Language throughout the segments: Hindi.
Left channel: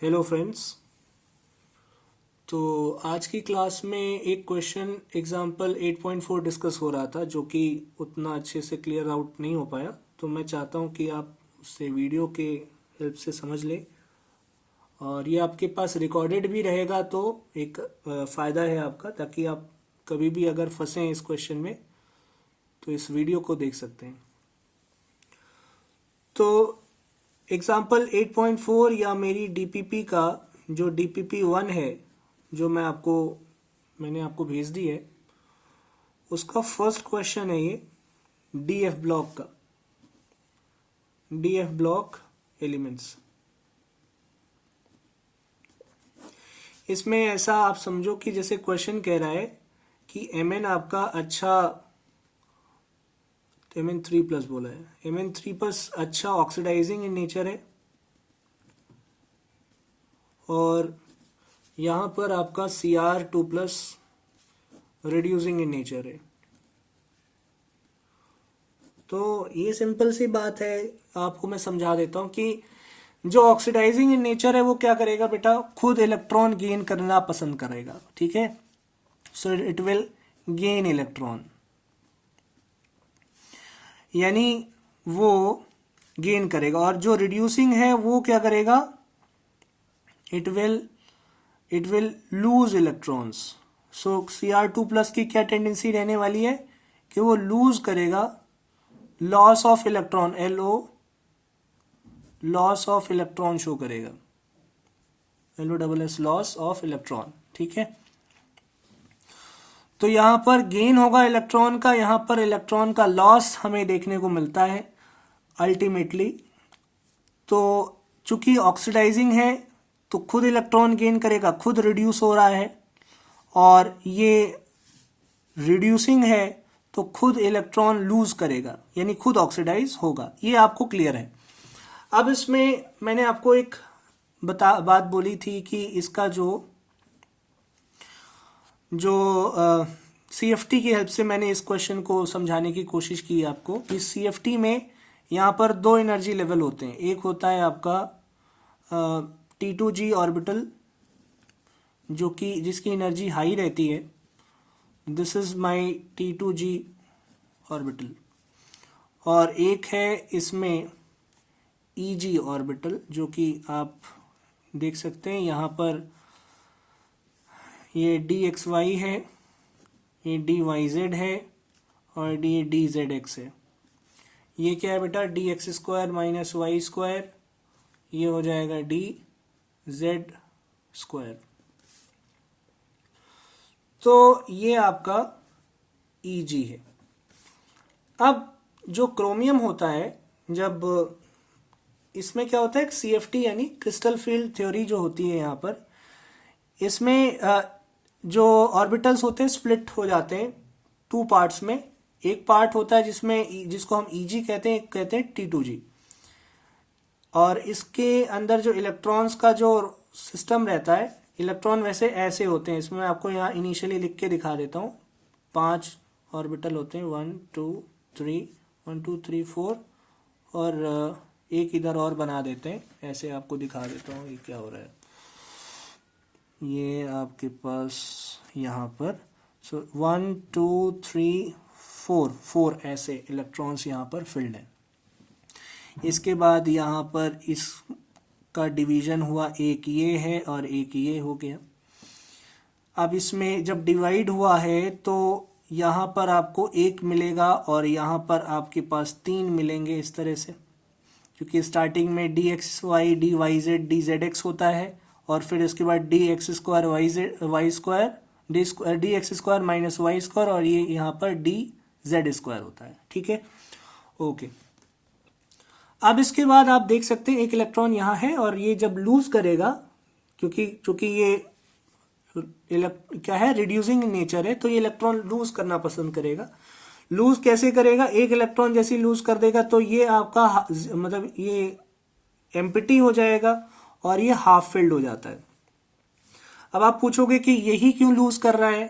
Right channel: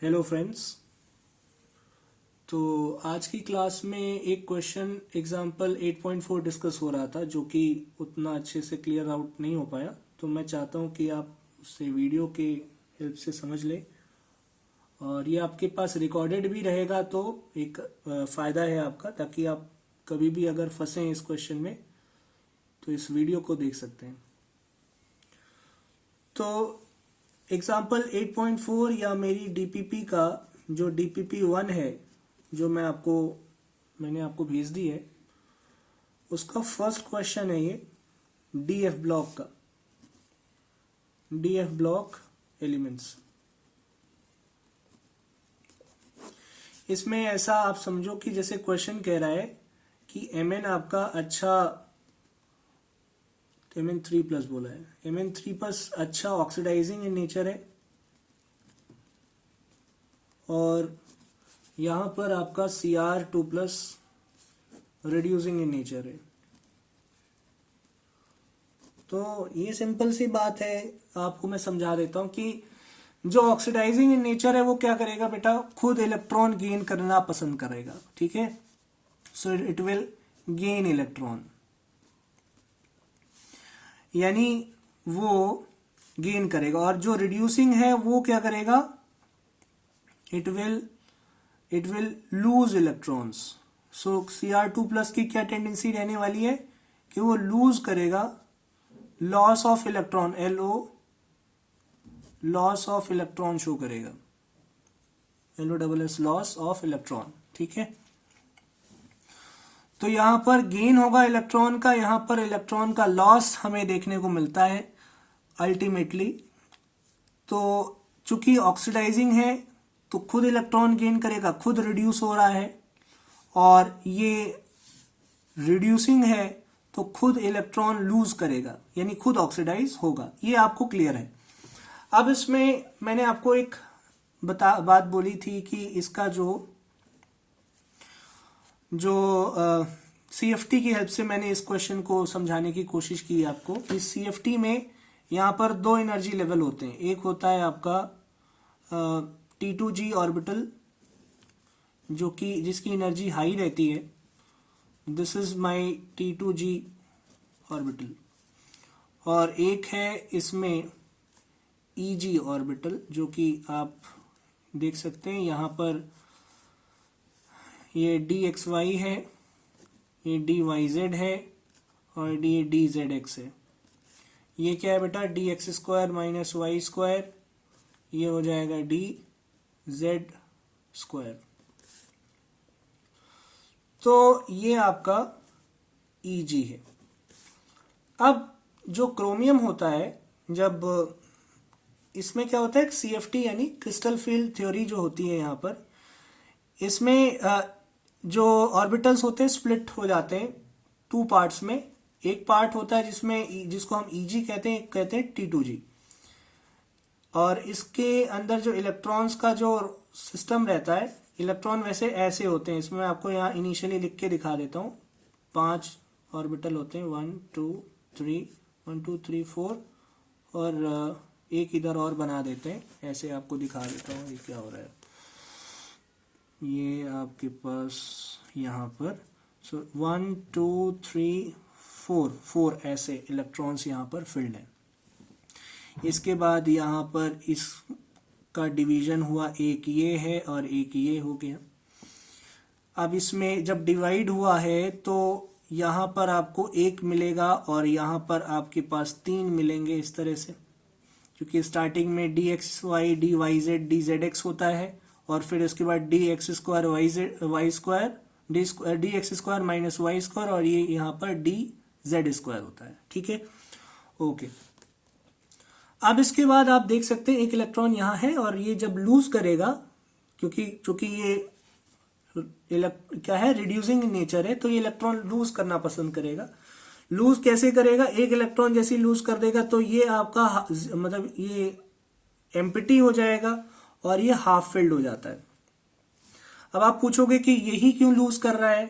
Hello friends. तो आज की क्लास में एक क्वेश्चन एग्जाम्पल 8.4 डिस्कस हो रहा था जो कि उतना अच्छे से क्लियर आउट नहीं हो पाया। तो मैं चाहता हूँ कि आप उससे वीडियो के हेल्प से समझ लें और ये आपके पास रिकॉर्डेड भी रहेगा तो एक फ़ायदा है आपका, ताकि आप कभी भी अगर फंसे इस क्वेश्चन में तो इस वीडियो को देख सकते हैं। तो एग्जाम्पल 8.4 या मेरी डीपीपी का जो डीपीपी 1 है जो मैंने आपको भेज दी है, उसका फर्स्ट क्वेश्चन है ये डीएफ ब्लॉक का, डीएफ ब्लॉक एलिमेंट्स। इसमें ऐसा आप समझो कि जैसे क्वेश्चन कह रहा है कि एमएन आपका अच्छा, Mn3+ बोला है, Mn3+ अच्छा ऑक्सीडाइजिंग इन नेचर है और यहाँ पर आपका Cr2+ रिड्यूसिंग इन नेचर है। तो ये सिंपल सी बात है, आपको मैं समझा देता हूँ कि जो ऑक्सीडाइजिंग इन नेचर है वो क्या करेगा बेटा, खुद इलेक्ट्रॉन गेन करना पसंद करेगा। ठीक है, so it will gain electron, यानी वो गेन करेगा। और जो रिड्यूसिंग है वो क्या करेगा, it will lose electrons. So Cr2+ की क्या टेंडेंसी रहने वाली है कि वो लूज करेगा, loss of electron, LO, loss of electron show करेगा, LOSS, लॉस ऑफ इलेक्ट्रॉन। ठीक है, तो यहां पर गेन होगा इलेक्ट्रॉन का, यहां पर इलेक्ट्रॉन का लॉस हमें देखने को मिलता है अल्टीमेटली। तो चूंकि ऑक्सीडाइजिंग है तो खुद इलेक्ट्रॉन गेन करेगा, खुद रिड्यूस हो रहा है, और ये रिड्यूसिंग है तो खुद इलेक्ट्रॉन लूज करेगा, यानी खुद ऑक्सीडाइज होगा। ये आपको क्लियर है। अब इसमें मैंने आपको एक बात बोली थी कि इसका जो CFT की हेल्प से मैंने इस क्वेश्चन को समझाने की कोशिश की है आपको। इस CFT में यहाँ पर दो एनर्जी लेवल होते हैं। एक होता है आपका T2G ऑर्बिटल, जो कि जिसकी एनर्जी हाई रहती है, this is my T2G orbital. और एक है इसमें EG ऑर्बिटल, जो कि आप देख सकते हैं यहाँ पर, ये DXY है, ये DYZ है और ये DZX है। ये क्या है बेटा, DX² माइनस Y², ये हो जाएगा DZ²। तो ये आपका EG है। अब जो क्रोमियम होता है, जब इसमें क्या होता है, CFT यानी क्रिस्टल फील्ड थ्योरी जो होती है यहाँ पर, इसमें जो ऑर्बिटल्स होते हैं स्प्लिट हो जाते हैं टू पार्ट्स में। एक पार्ट होता है जिसको हम EG कहते हैं, एक कहते हैं T2G। और इसके अंदर जो इलेक्ट्रॉन्स का जो सिस्टम रहता है, इलेक्ट्रॉन वैसे ऐसे होते हैं, इसमें आपको यहाँ इनिशियली लिख के दिखा देता हूँ। 5 ऑर्बिटल होते हैं, 1 2 3 4, और एक इधर और बना देते हैं, ऐसे आपको दिखा देता हूँ ये क्या हो रहा है। ये आपके पास यहाँ पर 1 2 3 4 ऐसे इलेक्ट्रॉन्स यहाँ पर फिल्ड है। इसके बाद यहाँ पर इसका डिवीजन हुआ, एक ये है और एक ये हो गया। अब इसमें जब डिवाइड हुआ है तो यहाँ पर आपको एक मिलेगा और यहाँ पर आपके पास 3 मिलेंगे इस तरह से, क्योंकि स्टार्टिंग में DXY DYZ DZX होता है और फिर इसके बाद DX² DX² माइनस Y², और ये यहाँ पर DZ² होता है। ठीक है, ओके। अब इसके बाद आप देख सकते हैं एक इलेक्ट्रॉन यहाँ है, और ये जब लूज करेगा, क्योंकि ये क्या है, रिड्यूसिंग नेचर है, तो ये इलेक्ट्रॉन लूज करना पसंद करेगा। लूज कैसे करेगा, एक इलेक्ट्रॉन जैसे लूज कर देगा तो ये आपका मतलब ये एम्प्टी हो जाएगा और ये हाफ फिल्ड हो जाता है। अब आप पूछोगे कि यही क्यों लूज कर रहा है,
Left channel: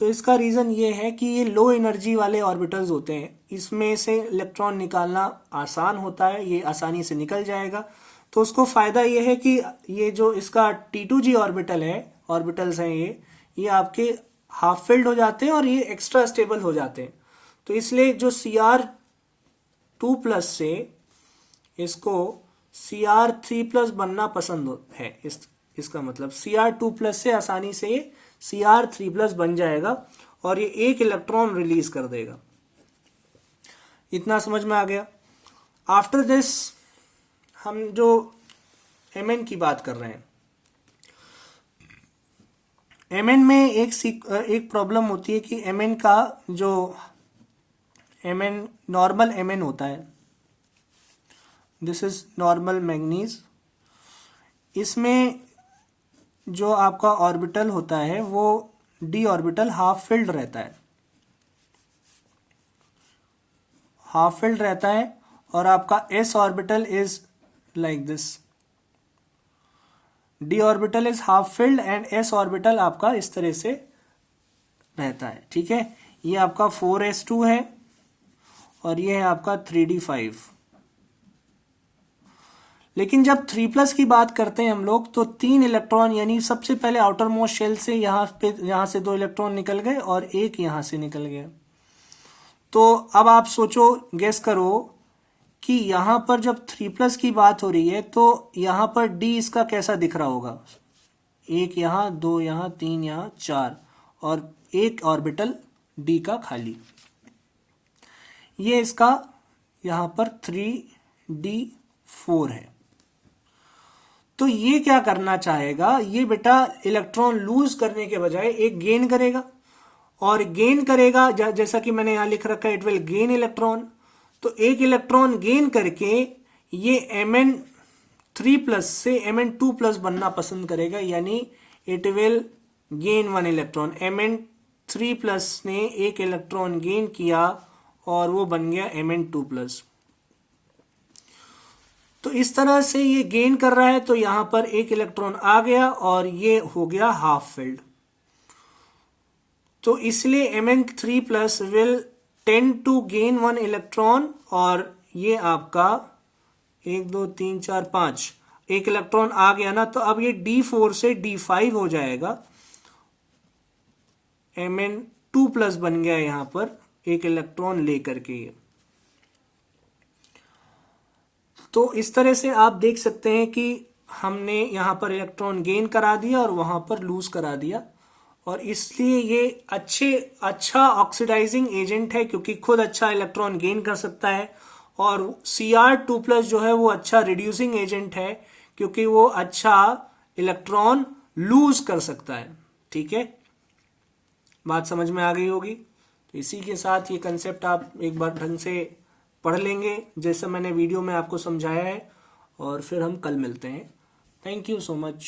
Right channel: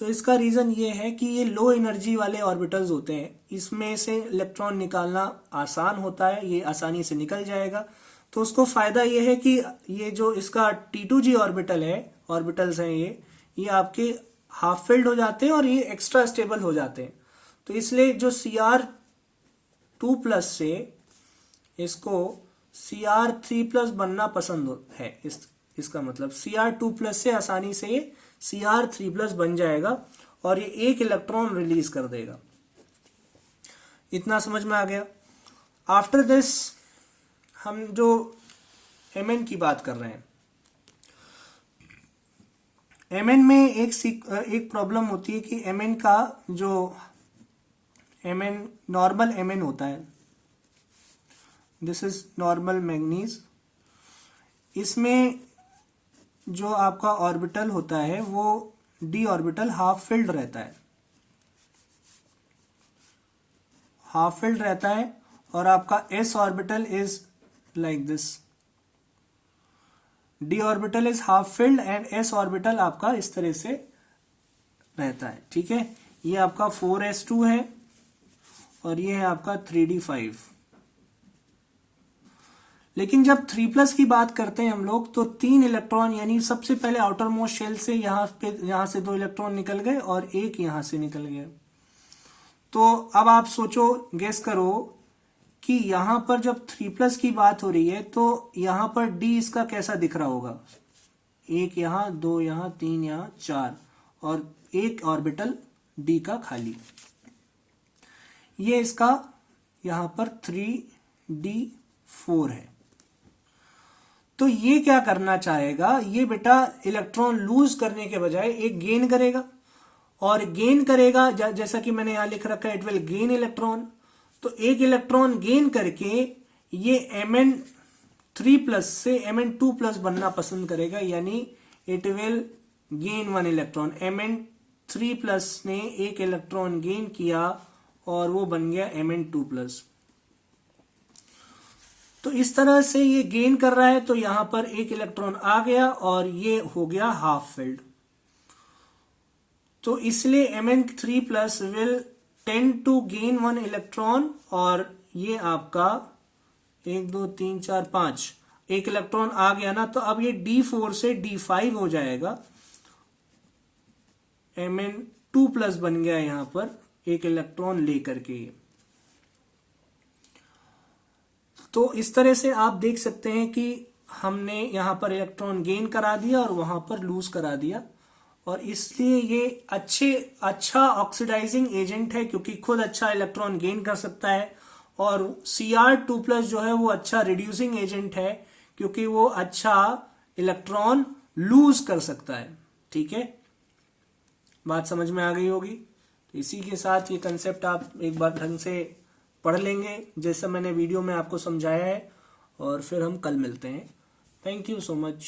तो इसका रीजन ये है कि ये लो एनर्जी वाले ऑर्बिटल्स होते हैं, इसमें से इलेक्ट्रॉन निकालना आसान होता है, ये आसानी से निकल जाएगा। तो उसको फायदा ये है कि ये जो इसका T2G ऑर्बिटल है, ऑर्बिटल्स हैं ये आपके हाफ फिल्ड हो जाते हैं और ये एक्स्ट्रा स्टेबल हो जाते हैं। तो इसलिए जो Cr2+ से इसको Cr3+ बनना पसंद है, इसका मतलब Cr2+ से आसानी से ये Cr3+ बन जाएगा और ये एक इलेक्ट्रॉन रिलीज कर देगा। इतना समझ में आ गया। आफ्टर दिस हम जो Mn की बात कर रहे हैं, Mn में एक प्रॉब्लम होती है कि Mn का जो Mn नॉर्मल Mn होता है, दिस इज नॉर्मल मैंगनीज, इसमें जो आपका ऑर्बिटल होता है वो d ऑर्बिटल हाफ फिल्ड रहता है, हाफ फिल्ड रहता है और आपका s orbital is like this, d orbital is half filled and s orbital आपका इस तरह से रहता है। ठीक है, ये आपका 4s2 है और ये है आपका 3d5। लेकिन जब 3+ की बात करते हैं हम लोग तो 3 इलेक्ट्रॉन, यानी सबसे पहले आउटर मोस्ट शेल से यहां से 2 इलेक्ट्रॉन निकल गए और एक यहां से निकल गया। तो अब आप सोचो, गेस करो कि यहां पर जब 3+ की बात हो रही है तो यहां पर d इसका कैसा दिख रहा होगा, एक यहां, 2 यहां, 3 यहां, 4 और एक ऑर्बिटल d का खाली। ये इसका यहां पर 3d4 है। तो ये क्या करना चाहेगा, ये बेटा इलेक्ट्रॉन लूज करने के बजाय एक गेन करेगा, और गेन करेगा जैसा कि मैंने यहां लिख रखा है, इट विल गेन इलेक्ट्रॉन। तो एक इलेक्ट्रॉन गेन करके ये Mn3+ से Mn2+ बनना पसंद करेगा, यानी it will gain 1 electron. Mn3+ ने एक इलेक्ट्रॉन गेन किया और वो बन गया Mn2+। तो इस तरह से ये गेन कर रहा है, तो यहां पर एक इलेक्ट्रॉन आ गया और ये हो गया हाफ फिल्ड। तो इसलिए Mn3+ will tend to gain 1 electron और ये आपका 1 2 3 4 5 एक इलेक्ट्रॉन आ गया ना, तो अब ये D4 से D5 हो जाएगा। Mn2+ बन गया यहां पर एक इलेक्ट्रॉन लेकर के। तो इस तरह से आप देख सकते हैं कि हमने यहां पर इलेक्ट्रॉन गेन करा दिया और वहां पर लूज करा दिया, और इसलिए ये अच्छा ऑक्सीडाइजिंग एजेंट है क्योंकि खुद अच्छा इलेक्ट्रॉन गेन कर सकता है, और Cr2+ जो है वो अच्छा रिड्यूसिंग एजेंट है क्योंकि वो अच्छा इलेक्ट्रॉन लूज कर सकता है। ठीक है, बात समझ में आ गई होगी। तो इसी के साथ ये कंसेप्ट आप एक बार ढंग से पढ़ लेंगे जैसा मैंने वीडियो में आपको समझाया है, और फिर हम कल मिलते हैं। Thank you so much.